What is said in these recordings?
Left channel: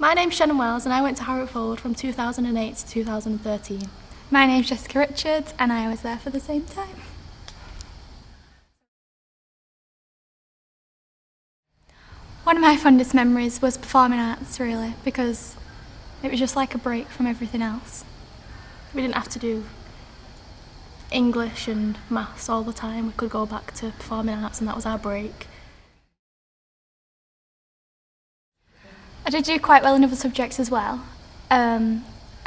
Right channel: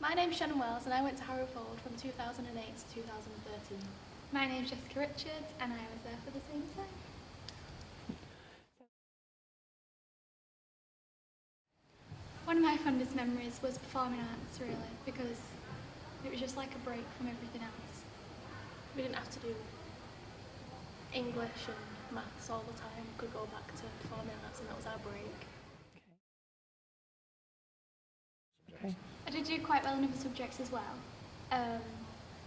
My name's Shannon and I went to Harrop from 2008 to 2013. My name's Jessica Richards and I was there for the same time. One of my fondest memories was performing arts, really, because it was just like a break from everything else. We didn't have to do English and maths all the time. We could go back to performing arts and that was our break. I did do quite well in other subjects as well. I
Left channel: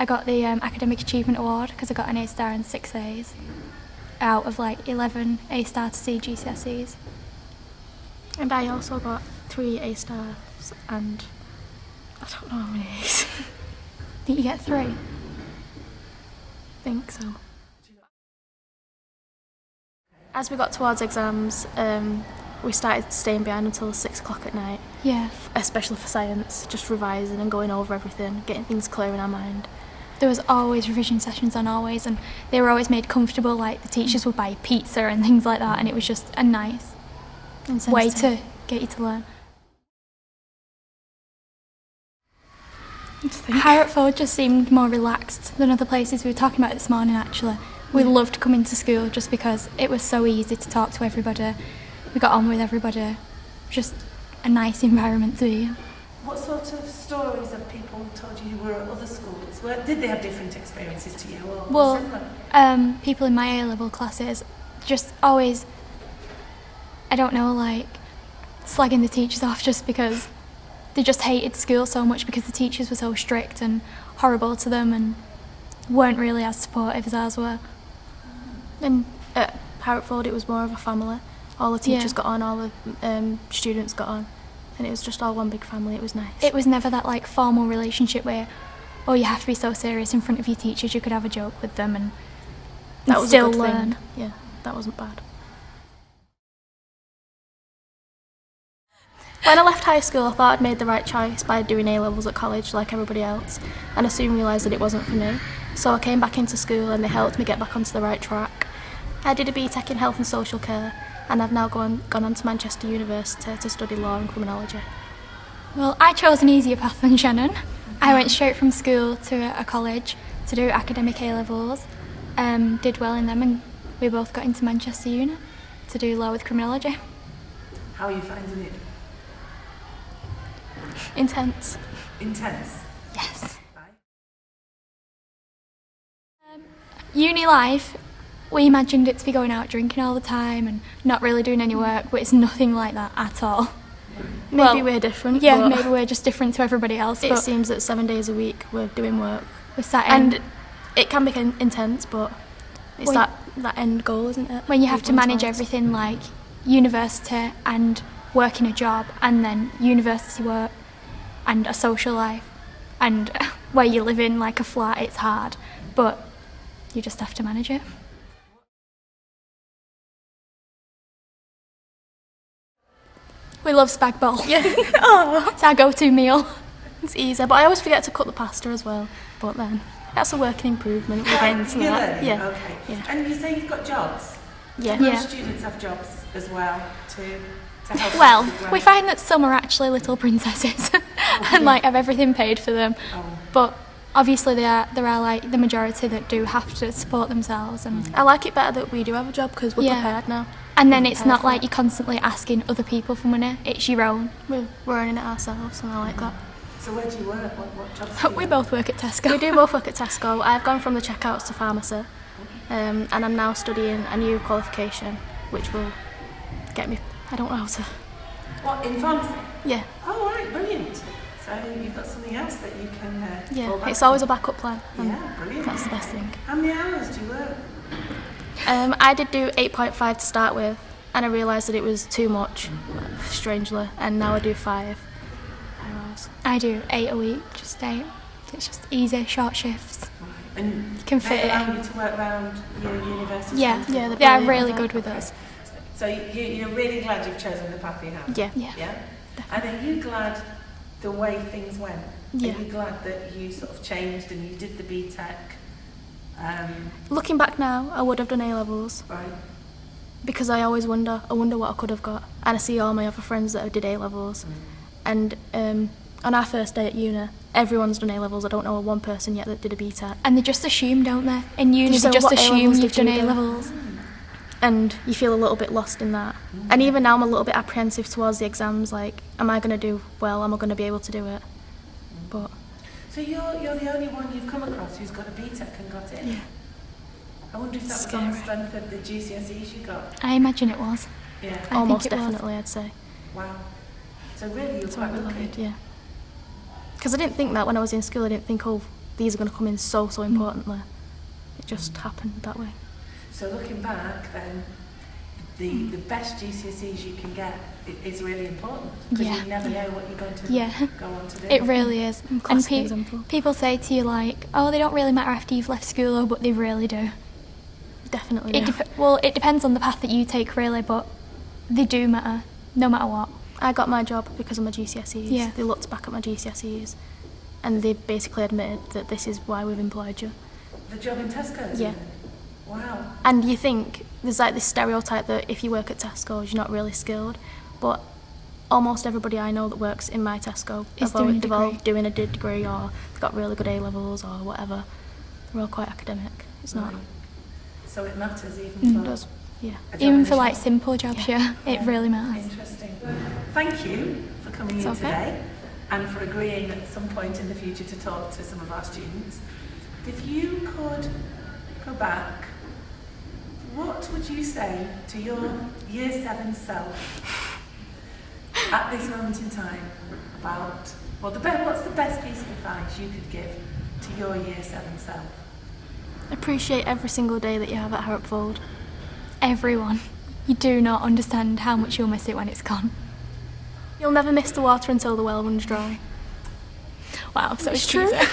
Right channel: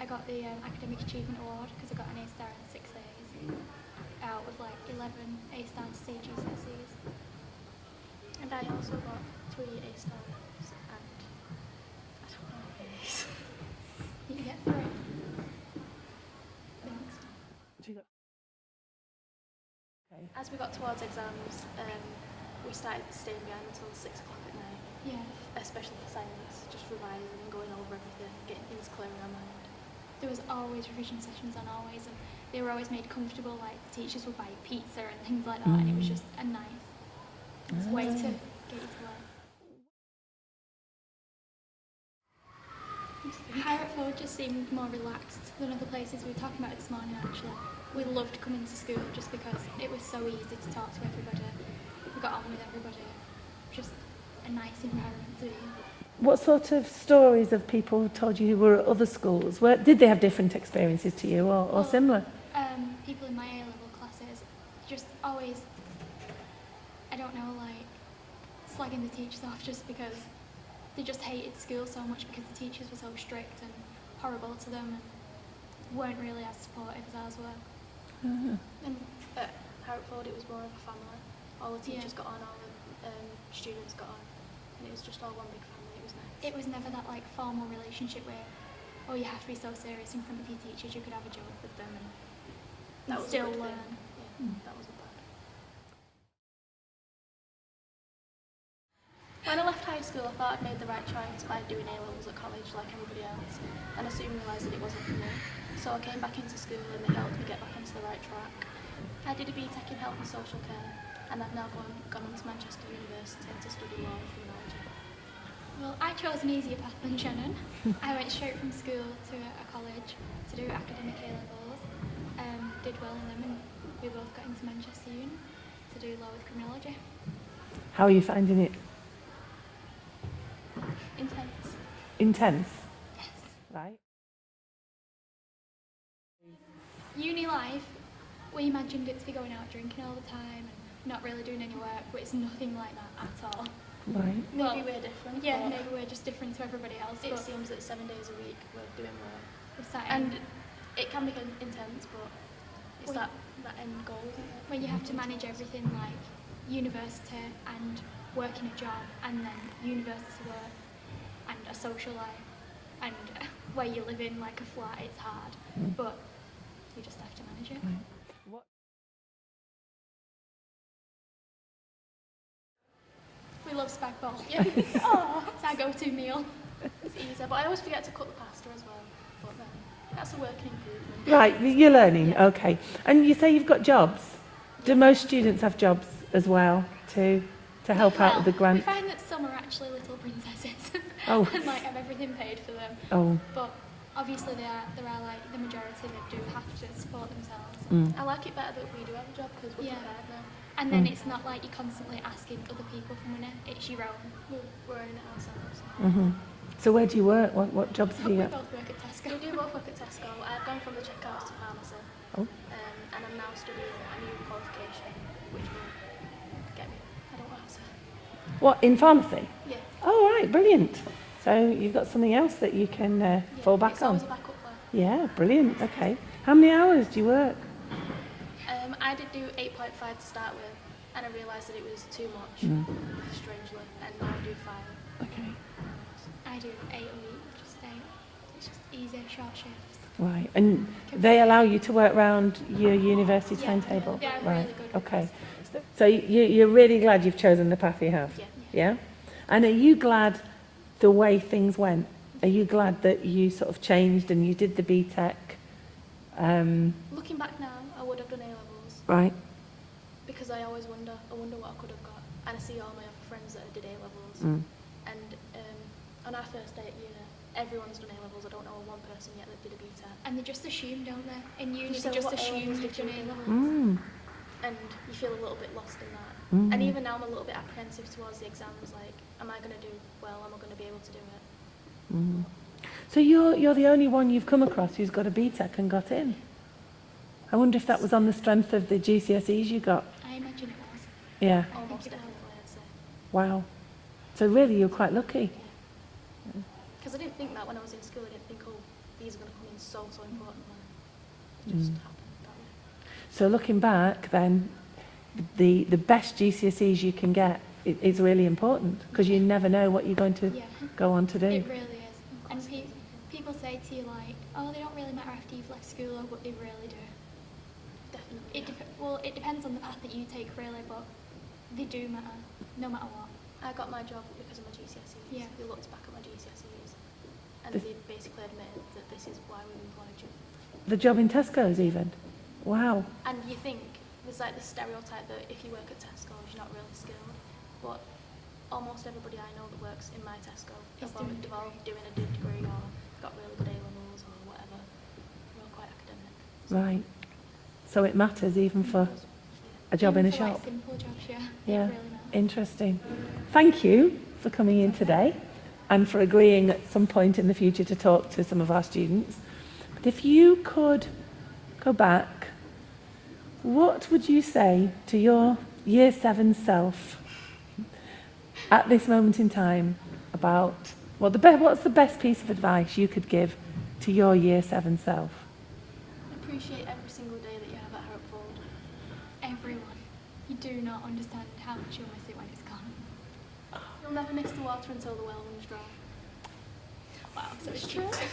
got the Academic Achievement Award because I got an A star and 6 A's out of like 11 A star to C GCSEs. And I also got 3 A stars and I don't know how many A's. I think you get 3. I think so. As we got towards exams, we started staying behind until 6 o'clock at night. Yeah. Especially for science, just revising and going over everything, getting things clear in our mind. There was always revision sessions on always, and they were always made comfortable, like the teachers would buy pizza and things like that, and it was just a nice way to get you to learn. Harrop just seemed more relaxed than other places. We were talking about it this morning actually. We loved coming to school just because it was so easy to talk to everybody. We got on with everybody. Just a nice environment to be in. What sort of stories have people told you who were at other schools? Did they have different experiences to you or similar? People in my A-level classes just always, I don't know, like slagging the teachers off just because they just hated school so much because the teachers were so strict and horrible to them and weren't really as supportive as ours were. And at Harrop it was more of a family. All the teachers got on, all the students got on, and it was just all one big family. It was nice. It was never that like formal relationship where, oh, you have to be so serious in front of your teachers. You could have a joke with them and that was still a good learn. Thing. Yeah, that wasn't bad. When I left high school, I thought I'd made the right choice by doing A-levels at college like everybody else, and I soon realised that it wasn't for me. So I came back into school and they helped me get back onto the right track. I did a BTEC in Health and Social Care, and I've now gone on to Manchester University to study law and criminology. Well, I chose an easier path than Shannon. I went straight from school to a college to do academic A-levels, did well in them, and we both got into Manchester Uni to do law with criminology. How are you finding it? Intense. Intense? Yes. Right. Uni life, we imagined it to be going out drinking all the time and not really doing any work, but it's nothing like that at all. Right. Maybe we're different. Yeah, but maybe we're just different to everybody else. It seems that 7 days a week we're doing work. We're sat in. And it can be intense, but it's that end goal, isn't it? When you have to manage everything like university and working a job and then university work and a social life and where you live in like a flat, it's hard, but you just have to manage it. We love spag bowl. Yeah. It's our go-to meal. It's easy, but I always forget to cut the pasta as well. But then that's a work in improvement. Right, you're learning. Yeah. Okay. Yeah. And you say you've got jobs. Yeah. Do most students have jobs as well to help out Well, with the grant? we find that some are actually little princesses and like have everything paid for them. Oh. But obviously there are like the majority that do have to support themselves. And I like it better that we do have a job because we're prepared now. And then it's not like you're constantly asking other people for money, it's your own. We're earning it ourselves and I like that. So where do you work? What jobs do you We have? both work at Tesco. We do both work at Tesco. I've gone from the checkouts to pharmacy and I'm now studying a new qualification which will get me, I don't know how to... What, in pharmacy? Yeah. Oh, all right, brilliant. So you've got something else that you can fall back it's on. always a backup plan. Yeah, brilliant. That's the best Okay. thing. How many hours do you work? I did do 8.5 to start with and I realised that it was too much, strangely, and now I do 5 hours. I do 8 a week, just 8. It's just easy, short shifts. Right, and Can they fit allow in. you to work around your university timetable? yeah, They are brilliant. really good with Okay. us. So you're really glad you've chosen the path you have? Yeah. Yeah? And are you glad the way things went? Yeah. Are you glad that you sort of changed and you did the BTEC? Looking back now, I would have done A-levels Right. because I always wonder what I could have got. And I see all my other friends that did A-levels. And on our first day at uni, everyone's done A-levels. I don't know one person yet that did a BTEC. And they just assume, don't they? In uni, Just they say, just "What assume A-levels you've did done you do?" A-levels. And you feel a little bit lost in that. And even now I'm a little bit apprehensive towards the exams, like, am I going to do well? Am I going to be able to do it? But So you're the only one you've come across who's got a BTEC and got in? Yeah. I wonder if that was on the strength of the GCSEs you got. I imagine it was. Yeah. I almost think it was. definitely, I'd say. Wow. So really, you're So quite I'm really lucky. lucky, yeah. Because I didn't think that when I was in school. I didn't think, oh, these are going to come in so importantly. It just happened that way. So looking back, then, the best GCSEs you can get is really important because Yeah. you never know what you're going to Yeah. go on to do. It really is. And Classic example. people say to you like, oh, they don't really matter after you've left school, oh, but they really do. Definitely. It well, it depends on the path that you take, really, but they do matter, no matter what. I got my job because of my GCSEs. Yeah. They looked back at my GCSEs and they basically admitted that this is why we've employed you. The job in Tesco's Yeah. even? Wow. And you think there's like this stereotype that if you work at Tesco's, you're not really skilled. But almost everybody I know that works in my Tesco Is have doing a they've all degree. doing a degree or they've got really good A-levels or whatever. They're all quite academic. It's Right. not, So it matters even for it does, yeah. a job Even in for a like shop. simple jobs, yeah, it Yeah. really matters. Interesting. Thank you for coming in It's okay. today and for agreeing at some point in the future to talk to some of our students. But if you could go back, what would you say to your Year 7 self at this moment in time about, well, what's the best piece of advice you could give to your Year 7 self? Appreciate every single day that you have at Harrop Fold. Everyone, you do not understand how much you'll miss it when it's gone. You'll never miss the water until the well runs dry. Wow, so It's true. cheesy.